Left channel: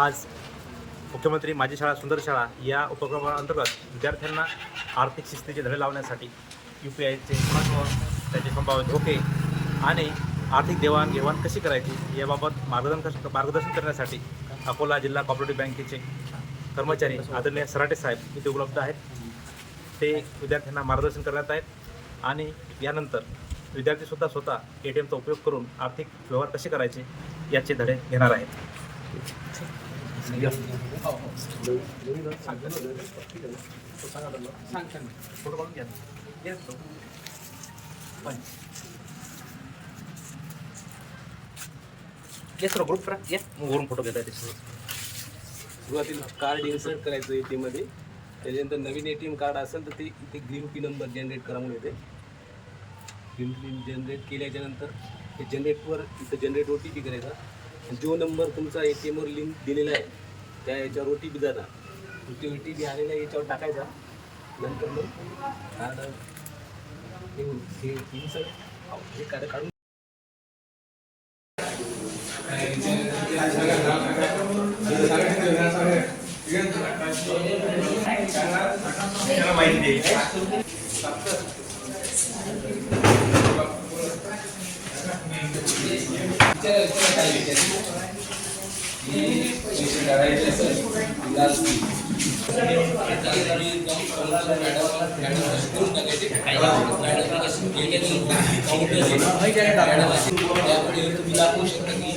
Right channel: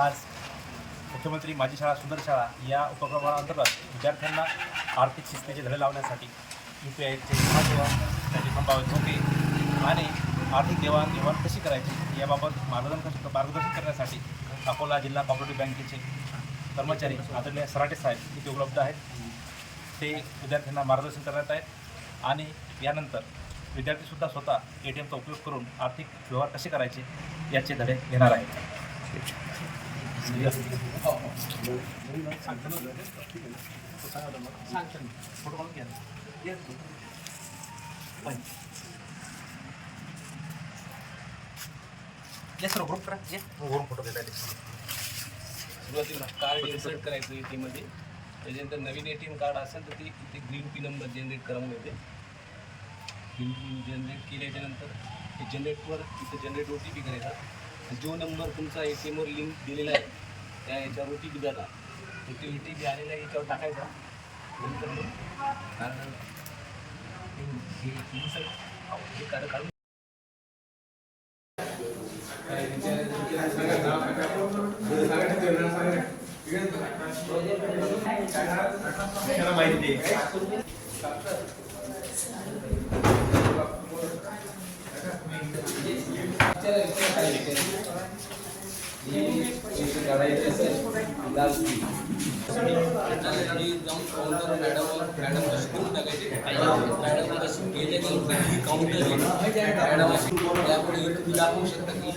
आज मुख्यमंत्री माझी शाळा सुंदर शाळा या उपक्रमाअंतर्गत विद्यार्थ्यांना आर्थिक शिस्तीचे धडे लावण्यासाठी UPIचे महत्त्व, त्याचे संभाव्य धोके आणि आर्थिक देवाणघेवाण कशी करायची याबाबत मार्गदर्शन करण्यासाठी अकोला जिल्हा कोऑपरेटिव्ह बँकेचे कर्मचारी आदरणीय सराटे साहेब इथे उपलब्ध आहेत. ते विद्यार्थ्यांना मार्गदर्शन करण्यात आहेत आणि यानंतर विद्यार्थीसुद्धा स्वतः ATMचा उपयोग करून आर्थिक व्यवहार कसे करायचे याचे धडे घेणार आहेत. फोटो काढून घ्या. येस ग्रुप करा. येस वरून फोटो घेता येते. सुरुवातीला कार्ड इन्सर्ट करायचं ATM मध्ये. त्याच्यानंतर नवीन ATM कार्ड असेल तर ते इथे ग्रीन पिन नंबर जनरेट करा म्हणून येते. ग्रीन पिन जनरेट केल्याच्यानंतर ते जनरेटवर इथं जनरेट OTP करायचा आणि जो नंबर तुमचा ATMवर लिंक दिलेला आहे त्या याच्यावर OTP जाणार. ते OTP आलेला याच्यावर टाकायचा. नंतर मग कार्ड हे कार्ड काढून माहिती तुम्ही दाखवू शकता की